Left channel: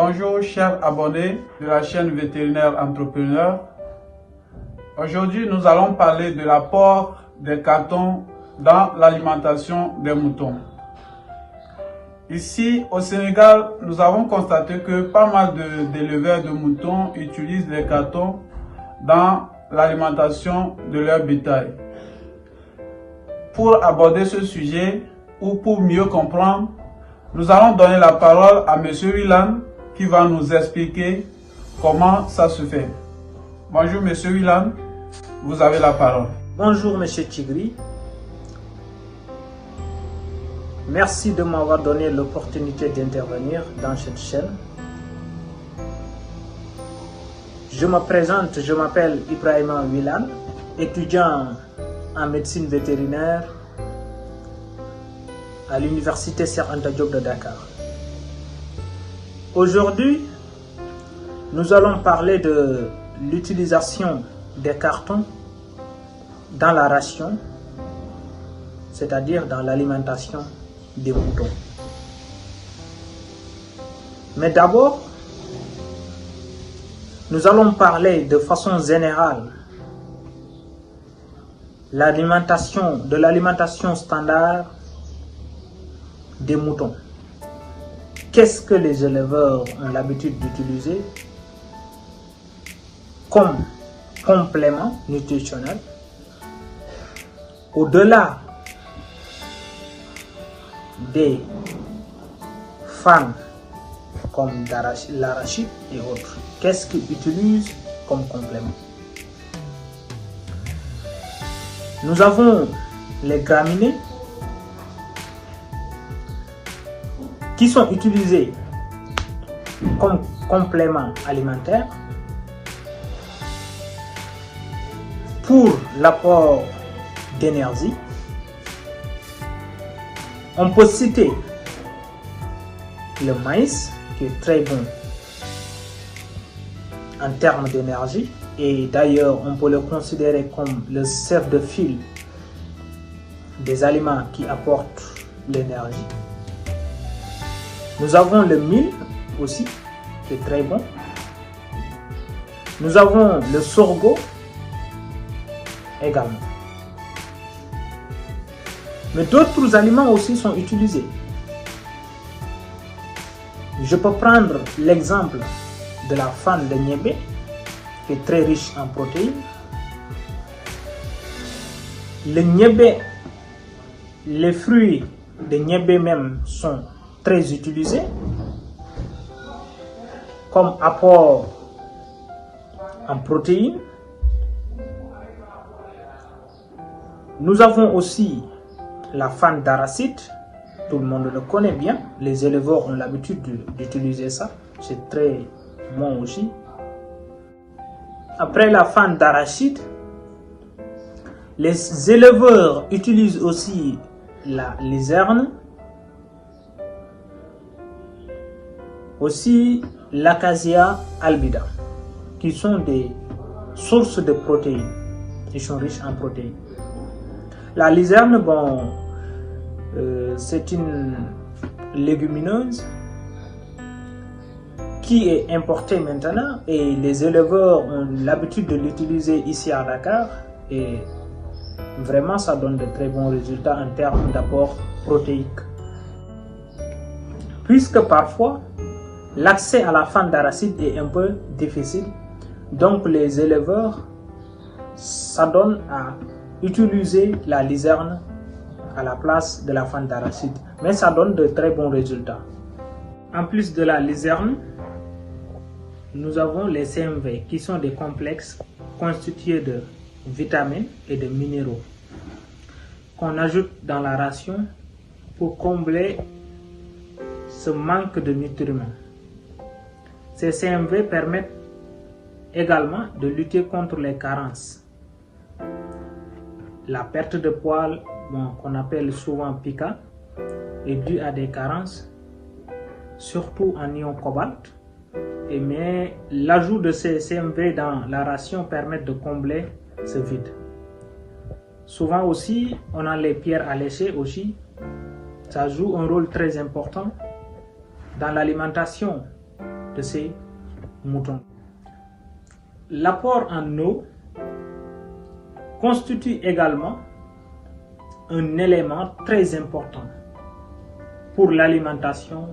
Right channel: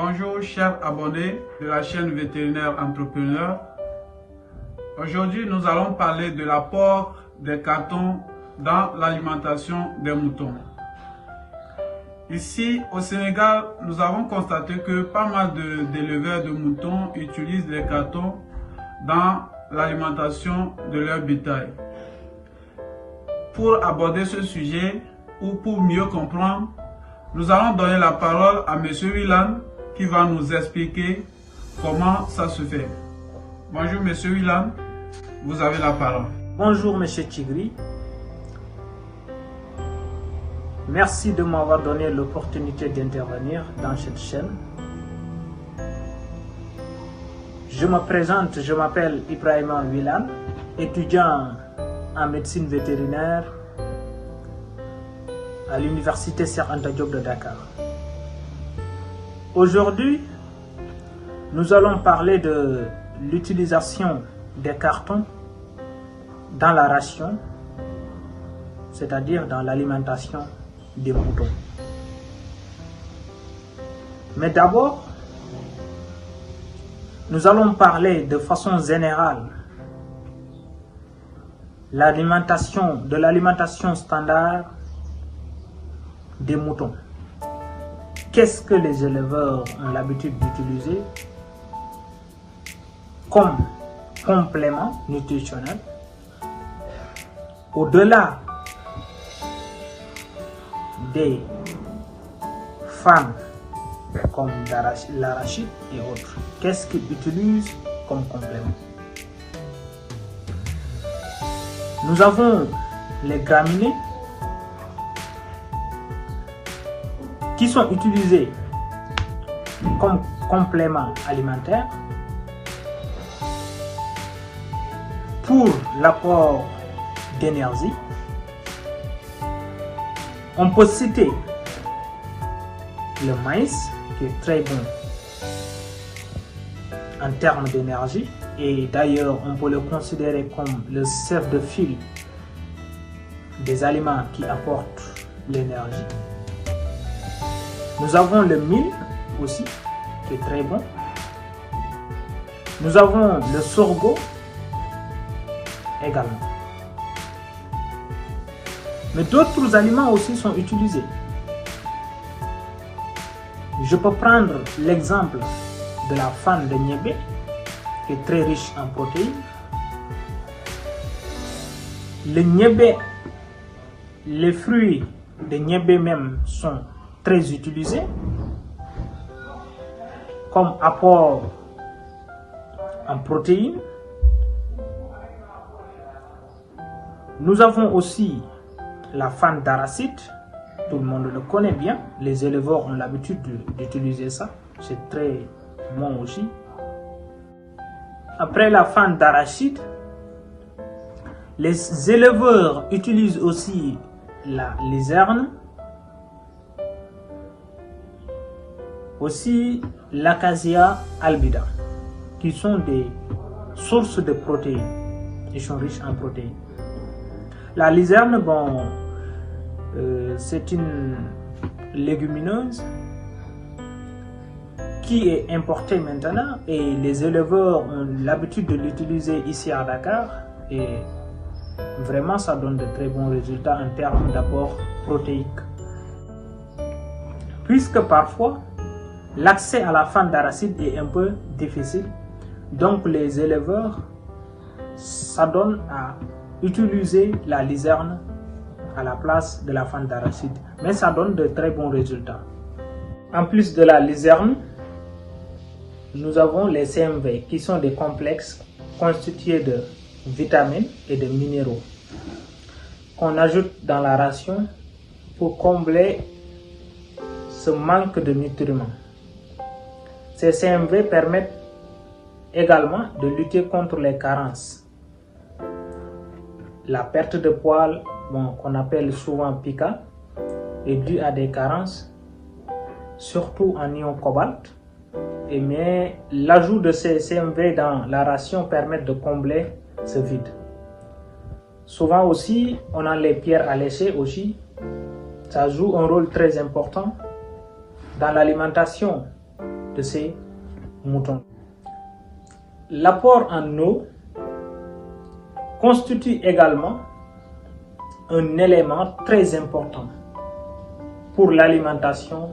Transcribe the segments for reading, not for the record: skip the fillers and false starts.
Bonjour chers abonnés de la chaîne Vétérinaire Entrepreneur. Aujourd'hui, nous allons parler de l'apport des cartons dans l'alimentation des moutons. Ici au Sénégal, nous avons constaté que pas mal d'éleveurs de moutons utilisent les cartons dans l'alimentation de leur bétail. Pour aborder ce sujet ou pour mieux comprendre, nous allons donner la parole à M. Willan qui va nous expliquer comment ça se fait. Bonjour M. Willan, vous avez la parole. Bonjour M. Tigri. Merci de m'avoir donné l'opportunité d'intervenir dans cette chaîne. Je me présente, je m'appelle Ibrahima Willan, étudiant en médecine vétérinaire à l'université Cheikh Anta Diop de Dakar. Aujourd'hui, nous allons parler de l'utilisation des cartons dans la ration, c'est-à-dire dans l'alimentation des moutons. Mais d'abord, nous allons parler de façon générale de l'alimentation standard des moutons. Qu'est-ce que les éleveurs ont l'habitude d'utiliser comme complément nutritionnel au-delà des fans comme l'arachide et autres? Qu'est-ce qu'ils utilisent comme complément? Nous avons les graminées qui sont utilisés comme complément alimentaire pour l'apport d'énergie. On peut citer le maïs qui est très bon en termes d'énergie et d'ailleurs on peut le considérer comme le cerf de fil des aliments qui apportent l'énergie. Nous avons le mil aussi, qui est très bon. Nous avons le sorgho également. Mais d'autres aliments aussi sont utilisés. Je peux prendre l'exemple de la fan de niébé, qui est très riche en protéines. Le niébé, les fruits de niébé même sont très utilisés comme apport en protéines. Nous avons aussi la fan d'arachide, tout le monde le connaît bien, les éleveurs ont l'habitude d'utiliser ça, c'est très bon aussi. Après la fan d'arachide, les éleveurs utilisent aussi la luzerne, aussi l'acacia albida, qui sont des sources de protéines. Ils sont riches en protéines. La luzerne, bon, c'est une légumineuse qui est importée maintenant et les éleveurs ont l'habitude de l'utiliser ici à Dakar et vraiment ça donne de très bons résultats en termes d'apport protéique. Puisque parfois l'accès à la fan d'arachide est un peu difficile, donc les éleveurs s'adonnent à utiliser la luzerne à la place de la fan d'arachide, mais ça donne de très bons résultats. En plus de la luzerne, nous avons les CMV qui sont des complexes constitués de vitamines et de minéraux qu'on ajoute dans la ration pour combler ce manque de nutriments. Ces CMV permettent également de lutter contre les carences. La perte de poils, qu'on appelle souvent pica, est due à des carences, surtout en ion cobalt. Mais l'ajout de ces CMV dans la ration permet de combler ce vide. Souvent aussi, on a les pierres alléchées aussi. Ça joue un rôle très important dans l'alimentation de ces moutons. L'apport en eau constitue également un élément très important pour l'alimentation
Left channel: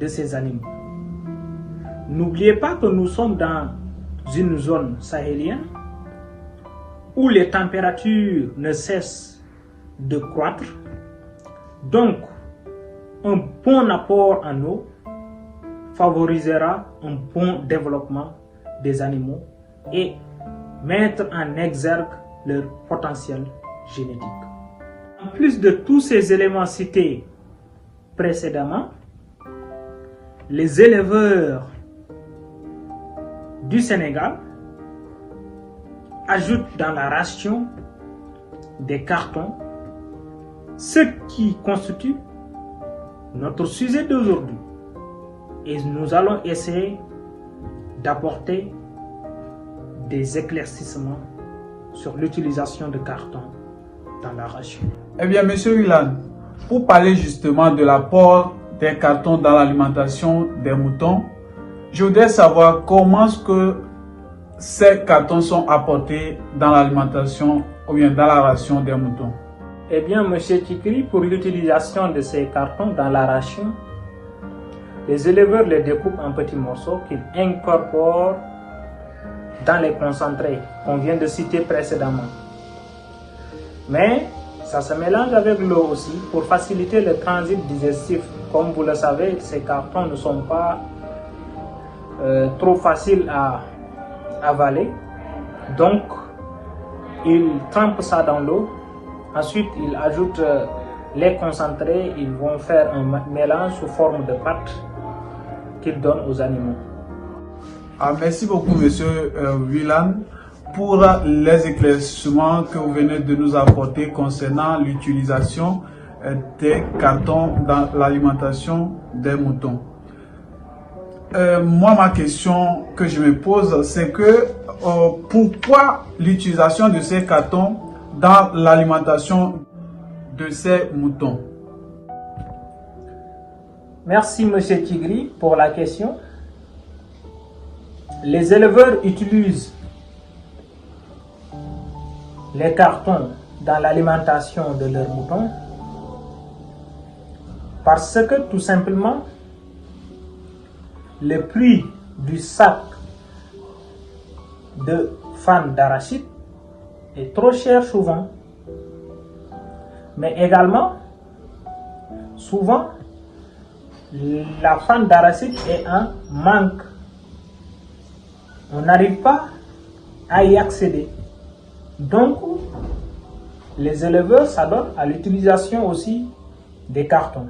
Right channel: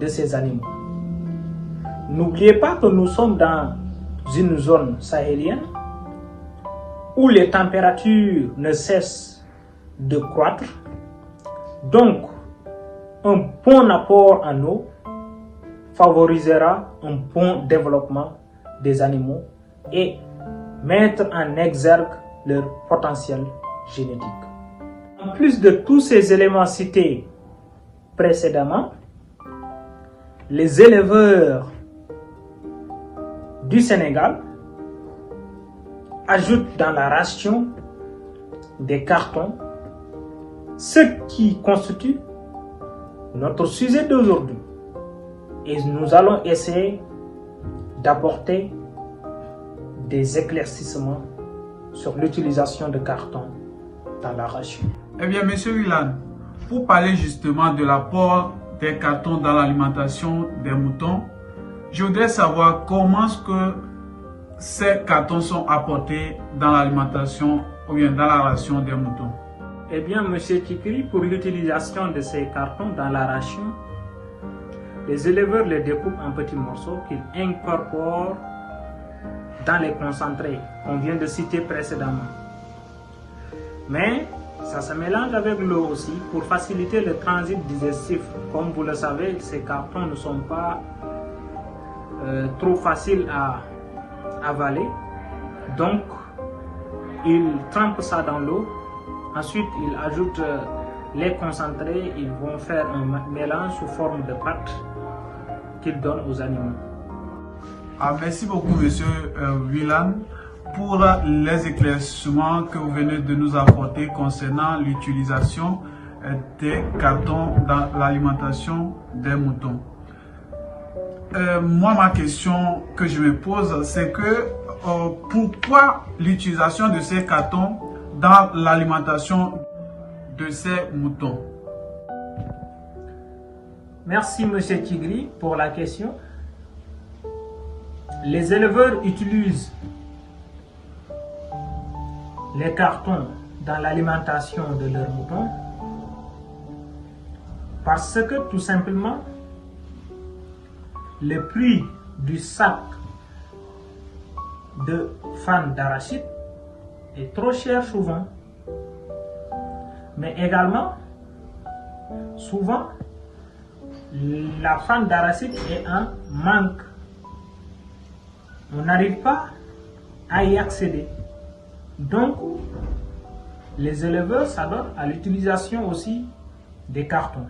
de ces animaux. N'oubliez pas que nous sommes dans une zone sahélienne où les températures ne cessent de croître. Donc, un bon apport en eau favorisera un bon développement des animaux et mettre en exergue leur potentiel génétique. En plus de tous ces éléments cités précédemment, les éleveurs du Sénégal ajoutent dans la ration des cartons, ce qui constitue notre sujet d'aujourd'hui. Et nous allons essayer d'apporter des éclaircissements sur l'utilisation de cartons dans la ration. Eh bien, Monsieur Willan, pour parler justement de l'apport des cartons dans l'alimentation des moutons, je voudrais savoir comment est-ce que ces cartons sont apportés dans l'alimentation ou bien dans la ration des moutons. Eh bien, Monsieur Tikiri, pour l'utilisation de ces cartons dans la ration, les éleveurs les découpent en petits morceaux qu'ils incorporent dans les concentrés qu'on vient de citer précédemment. Mais ça se mélange avec l'eau aussi pour faciliter le transit digestif. Comme vous le savez, ces cartons ne sont pas trop faciles à avaler. Donc, ils trempent ça dans l'eau. Ensuite, ils ajoutent les concentrés. Ils vont faire un mélange sous forme de pâte qu'ils donnent aux animaux. Merci beaucoup, Monsieur Willan, pour les éclaircissements que vous venez de nous apporter concernant l'utilisation des cartons dans l'alimentation des moutons. Moi, ma question que je me pose, c'est que pourquoi l'utilisation de ces cartons dans l'alimentation de ces moutons? Merci, Monsieur Tigri, pour la question. Les éleveurs utilisent les cartons dans l'alimentation de leurs moutons parce que tout simplement le prix du sac de fan d'arachide est trop cher souvent, mais également souvent la fan d'arachide est en manque. On n'arrive pas à y accéder. Donc, les éleveurs s'adonnent à l'utilisation aussi des cartons.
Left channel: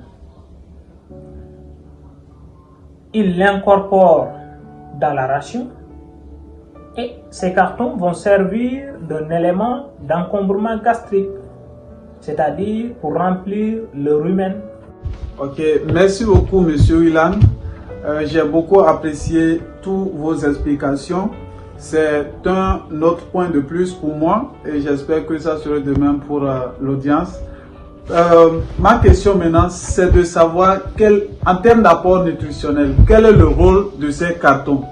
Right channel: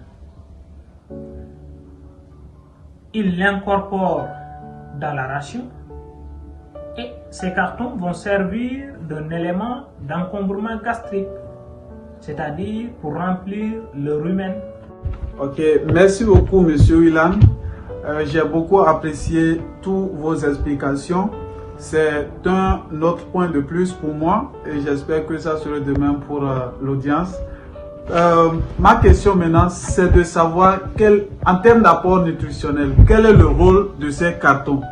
Ils l'incorporent dans la ration et ces cartons vont servir d'un élément d'encombrement gastrique, c'est-à-dire pour remplir le rumen. Ok, merci beaucoup, Monsieur Willan. J'ai beaucoup apprécié toutes vos explications. C'est un autre point de plus pour moi et j'espère que ça sera de même pour l'audience. Ma question maintenant, c'est de savoir en termes d'apport nutritionnel, quel est le rôle de ces cartons?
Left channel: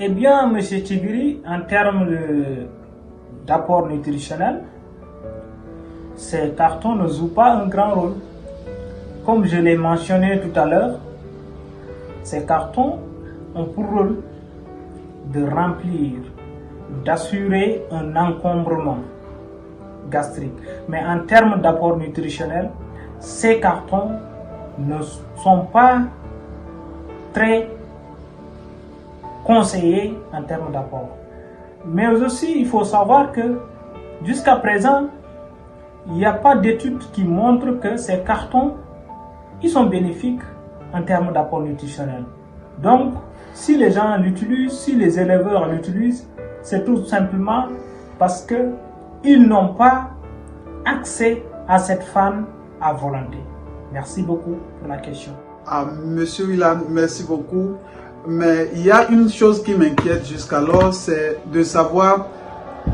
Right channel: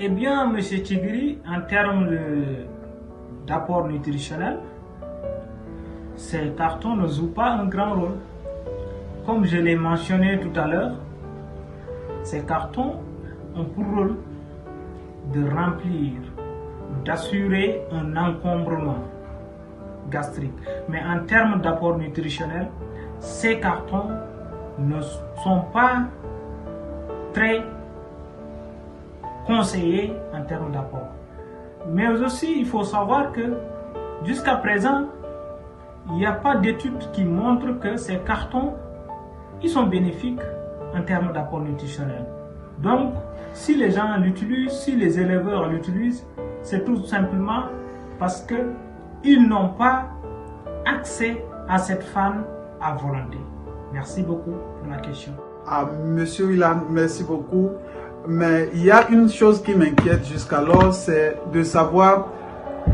Eh bien, M. Tigri, en termes d'apport nutritionnel, ces cartons ne jouent pas un grand rôle. Comme je l'ai mentionné tout à l'heure, ces cartons ont pour rôle de remplir, d'assurer un encombrement gastrique. Mais en termes d'apport nutritionnel, ces cartons ne sont pas très conseillés en termes d'apport. Mais aussi, il faut savoir que jusqu'à présent, il n'y a pas d'études qui montrent que ces cartons ils sont bénéfiques en termes d'apport nutritionnel. Donc, si les gens l'utilisent, si les éleveurs l'utilisent, c'est tout simplement parce qu'ils n'ont pas accès à cette fan à volonté. Merci beaucoup pour la question. Monsieur Willan, merci beaucoup. Mais il y a une chose qui m'inquiète jusqu'alors, c'est de savoir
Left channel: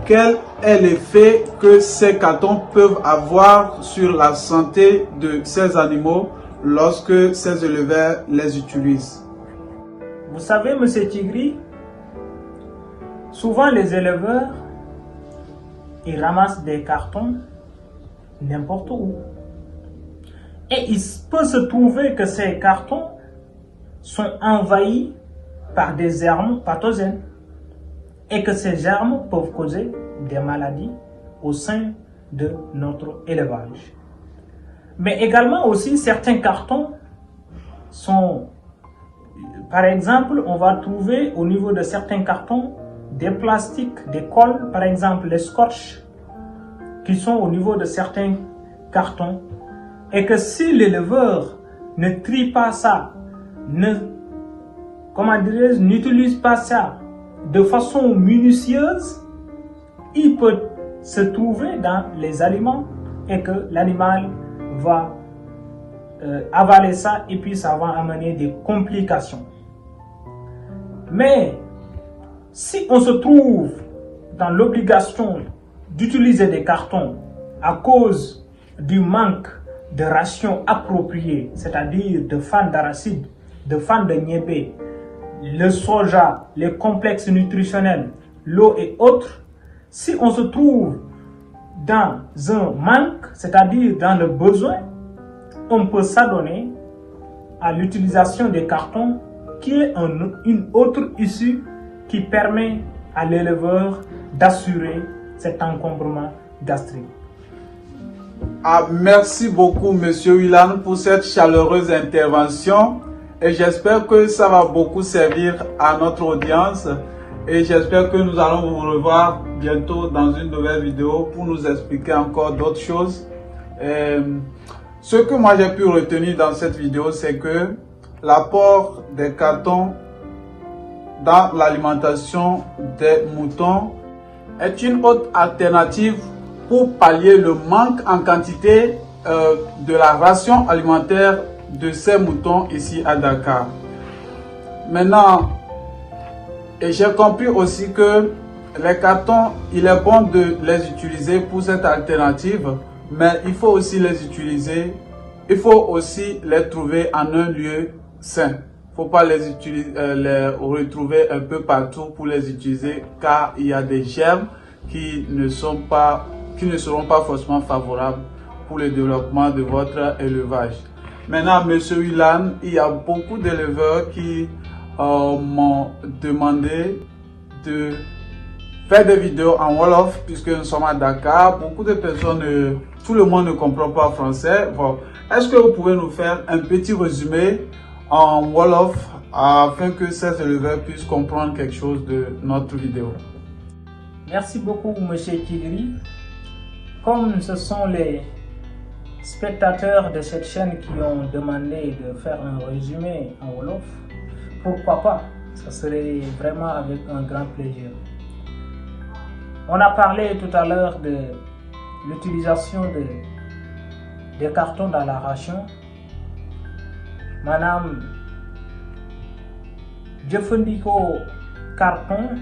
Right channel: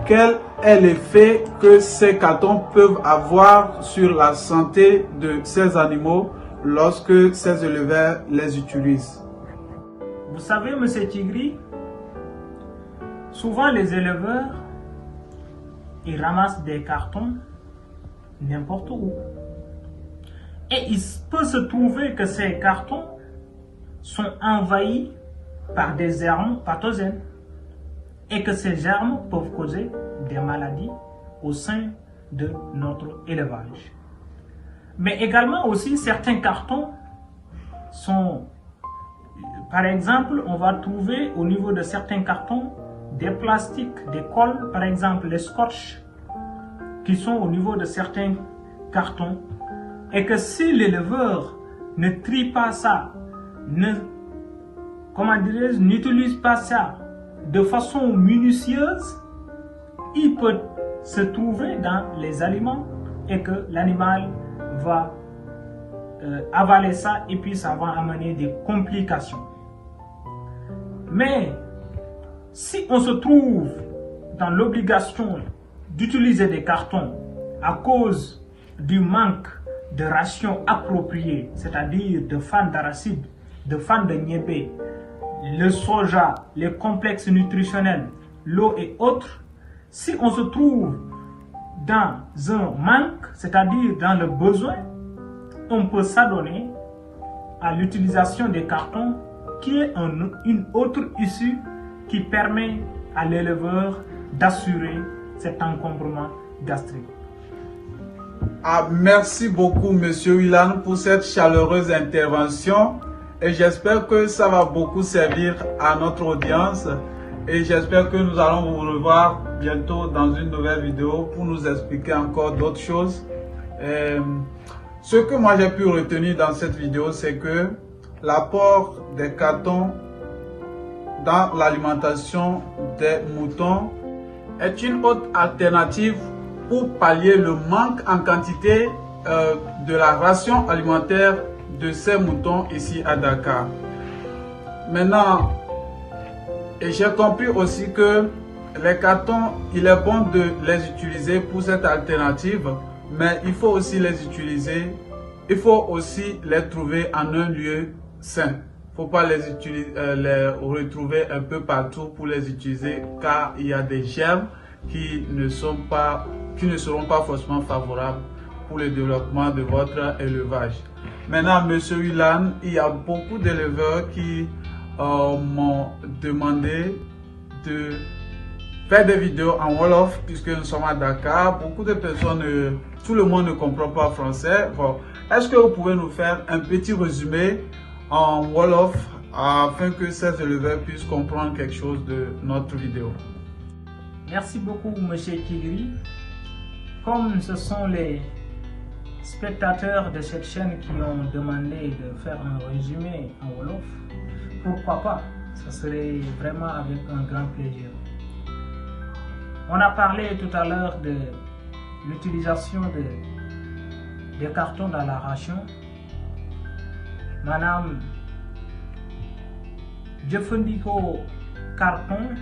quel est l'effet que ces cartons peuvent avoir sur la santé de ces animaux lorsque ces éleveurs les utilisent. Vous savez, Monsieur Tigri, souvent les éleveurs, ils ramassent des cartons n'importe où. Et il peut se trouver que ces cartons sont envahis par des germes pathogènes et que ces germes peuvent causer des maladies au sein de notre élevage. Mais également aussi certains cartons sont, par exemple, on va trouver au niveau de certains cartons des plastiques, des colles, par exemple les scotch, qui sont au niveau de certains cartons, et que si l'éleveur ne trie pas ça, n'utilise pas ça de façon minutieuse, il peut se trouver dans les aliments et que l'animal va avaler ça et puis ça va amener des complications. Mais si on se trouve dans l'obligation d'utiliser des cartons à cause du manque de rations appropriées, c'est-à-dire de fans d'arachide, de fans de niébé, le soja, les complexes nutritionnels, l'eau et autres, si on se trouve dans un manque, c'est-à-dire dans le besoin, on peut s'adonner à l'utilisation des cartons qui est une autre issue qui permet à l'éleveur d'assurer cet encombrement gastrique. Ah, merci beaucoup, Monsieur Willan, pour cette chaleureuse intervention. Et j'espère que ça va beaucoup servir à notre audience. Et j'espère que nous allons vous revoir bientôt dans une nouvelle vidéo pour nous expliquer encore d'autres choses. Ce que moi j'ai pu retenir dans cette vidéo, c'est que l'apport des cartons dans l'alimentation des moutons est une autre alternative pour pallier le manque en quantité de la ration alimentaire de ces moutons ici à Dakar. Maintenant, et j'ai compris aussi que les cartons, il est bon de les utiliser pour cette alternative, mais il faut aussi les utiliser, il faut aussi les trouver en un lieu sain. Il ne faut pas les retrouver un peu partout pour les utiliser, car il y a des germes qui ne seront pas forcément favorables pour le développement de votre élevage. Maintenant, Monsieur Willan, il y a beaucoup d'éleveurs qui m'ont demandé de faire des vidéos en Wolof puisque nous sommes à Dakar. Beaucoup de personnes, tout le monde ne comprend pas français. Bon, est-ce que vous pouvez nous faire un petit résumé en Wolof afin que ces éleveurs puissent comprendre quelque chose de notre vidéo? Merci beaucoup, Monsieur Tigri. Comme ce sont les spectateurs de cette chaîne qui ont demandé de faire un résumé en Wolof, pourquoi pas? Ça serait vraiment avec un grand plaisir. On a parlé tout à l'heure de l'utilisation des cartons dans la ration. Madame, jëfandikoo carton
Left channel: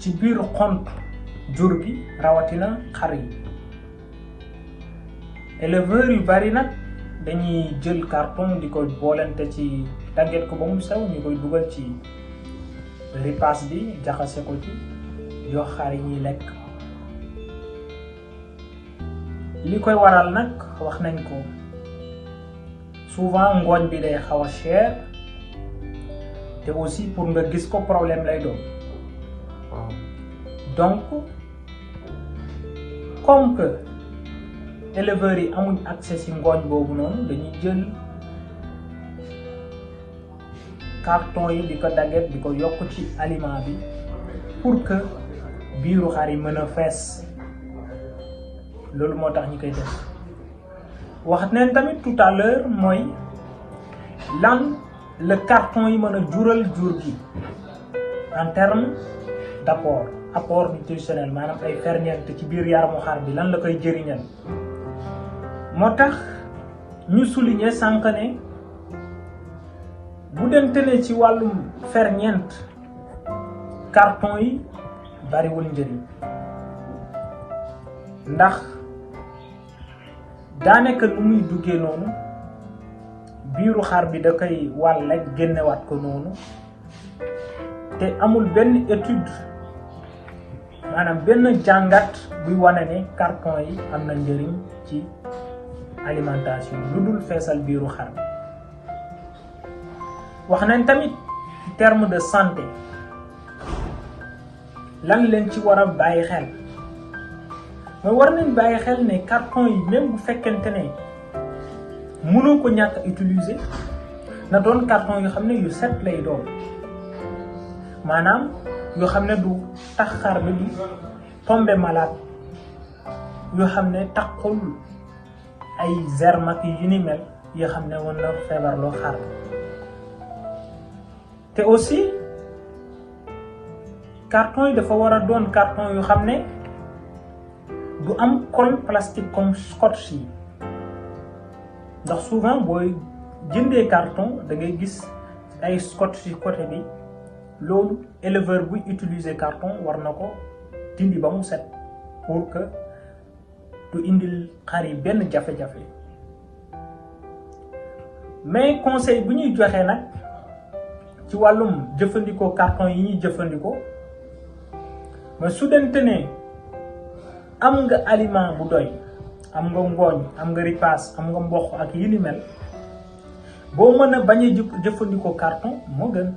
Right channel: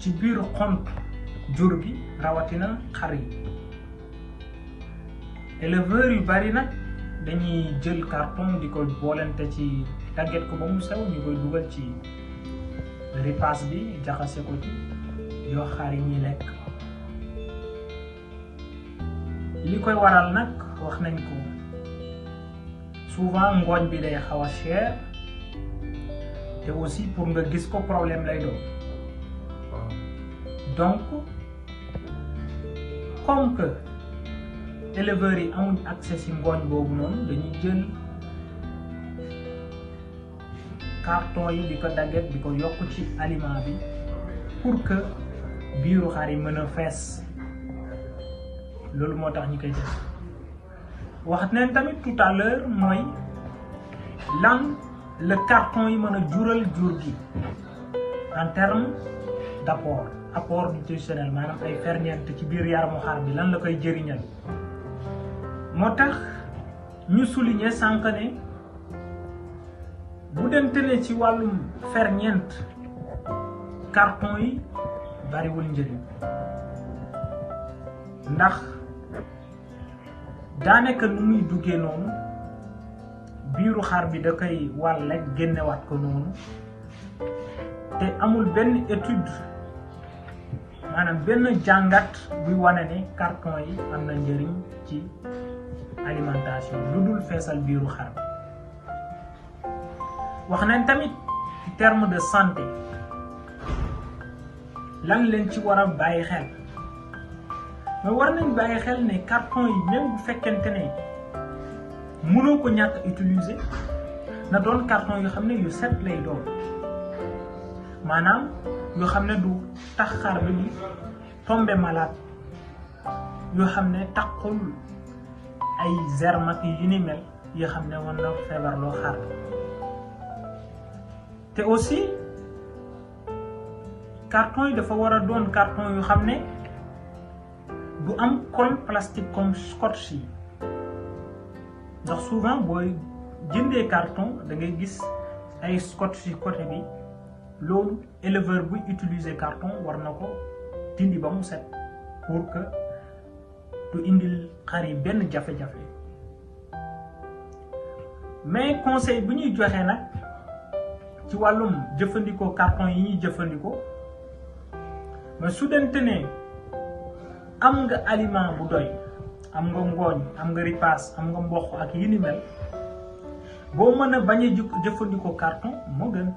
ci biir xont jur gi rawatina xar yi. Éleveurs yu bari nag dañuy jël carton di ko boolente ci tàgget ko ba mu sew ñu koy dugal ci ripaas bi jaxase ko ci yoo xar yi ñuy lekk. Li koy waral nag wax nañ ko souvent ngooñ bi day xaw a cher te aussi pour nga gis ko problème lay doon. Donc comme que éleveurs yi amuñ accès ci ngooñ boobu noonu dañuy jël carton yi di ko dagget di ko yokk ci aliment bi pour que biiru xar yi mën a fees. Loolu moo tax ñi koy def. wax nañ tamit tout à l'heure mooy lan le carton yi mën a jural jur gi en terme apport nutritionnel, maanaam ay ferñeent ci biir yaramu xar bi lan la koy jëriñal. moo tax ñu souligner sànq ne bu dente ne ci wàllum ferñeent carton yi bariwul njëriñ, ndax daanaka nu muy duggee noonu biiru xar bi da koy wàll rek génnewaat ko noonu te amul benn étude maanaam benn jàngat buy wane ne carton yi am na njëriñ ci alimentation lu dul feesal biiru xar bi. wax nañ tamit ci terme de santé lan leen ci war a bàyyi xel mais war nañ bàyyi xel ne carton yi même bu fekkente ne mënoo ko ñàkk utiliser na doon carton yu xam ne yu set lay doon maanaam yoo xam ne du tax xar bi di tomber malade yoo xam ne taxul ay germes ak yu ni mel yoo xam ne mën na feebarloo xar te aussi carton yi dafa war a doon carton yu xam ne du am colle plastique comme scotch yi ndax souvent booy jëndee carton da ngay gis ay scotch yi côté bi loolu éleveur buy utiliser carton war na ko dindi ba mu set pour que du indil xar yi benn jafe-jafe mais conseil bu ñuy joxe nag ci wàllum jëfandikoo carton yi ñuy jëfandikoo mais su dente ne am nga aliment bu doy am nga ngooñ am nga ripaas am nga mboq ak yi ni mel boo mën a bañ a jëfandikoo carton moo gën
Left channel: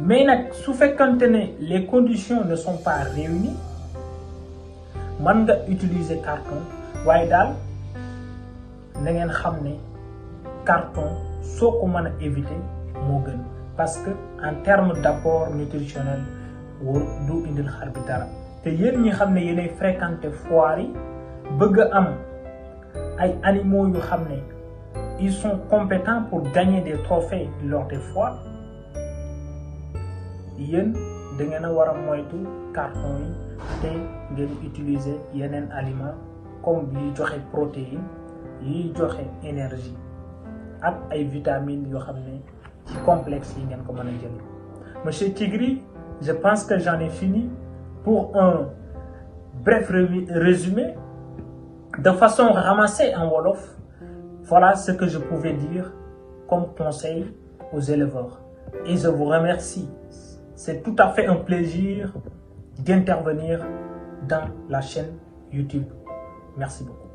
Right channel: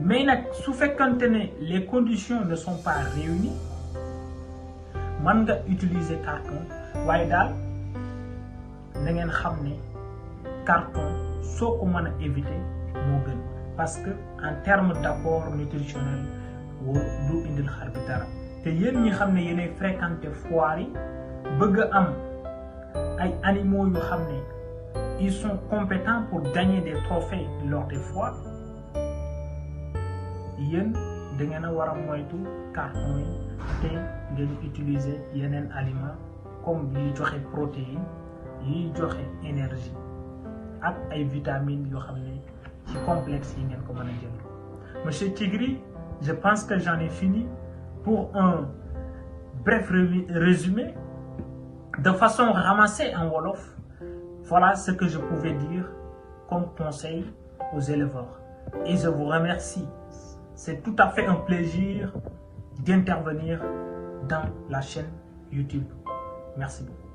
mais nag su fekkante ne les conditions ne sont pas réunies mën nga utiliser carton waaye daal na ngeen xam ne carton soo ko mën a éviter moo gën parce que en terme d'apport nutritionnel du indil xar bi dara te yéen ñi xam ne yéenay fréquenter foire yi bëgg a am ay animaux yu xam ne ils sont compétents pour gagner des trophées lors des foires yéen da ngeen a war a moytu carton yi te ngeen utiliser yeneen aliments comme yiy joxe protéines yiy joxe énergie ak ay vitamines yoo xam ne ci complexe yi ngeen ko mën a jënd. Monsieur Tigri, je pense que j'en ai fini pour un bref résumé de façon ramassée en wolof. Voilà ce que je pouvais dire comme conseil aux éleveurs. Et je vous remercie. C'est tout à fait un plaisir d'intervenir dans la chaîne YouTube. Merci beaucoup.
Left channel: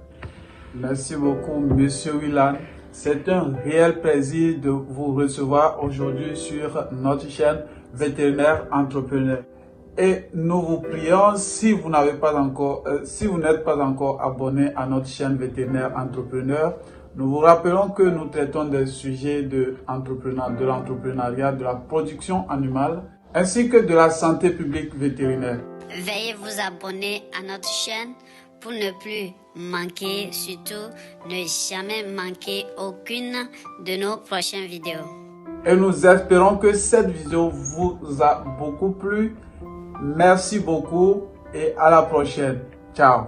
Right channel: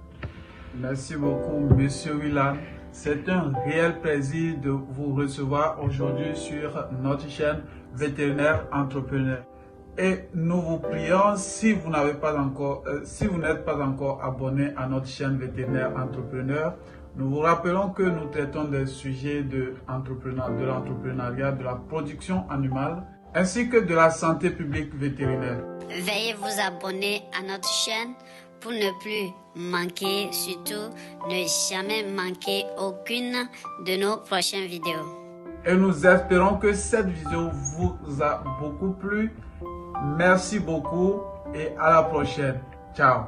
Merci beaucoup, Monsieur Willan. C'est un réel plaisir de vous recevoir aujourd'hui sur notre chaîne Vétérinaire Entrepreneur. Et nous vous prions, si vous n'êtes pas encore abonné à notre chaîne Vétérinaire Entrepreneur, nous vous rappelons que nous traitons des sujets de l'entrepreneuriat, de la production animale, ainsi que de la santé publique vétérinaire. Veuillez vous abonner à notre chaîne pour ne plus manquer, surtout ne jamais manquer aucune de nos prochaines vidéos. Et nous espérons que cette vidéo vous a beaucoup plu. Merci beaucoup et à la prochaine. Ciao.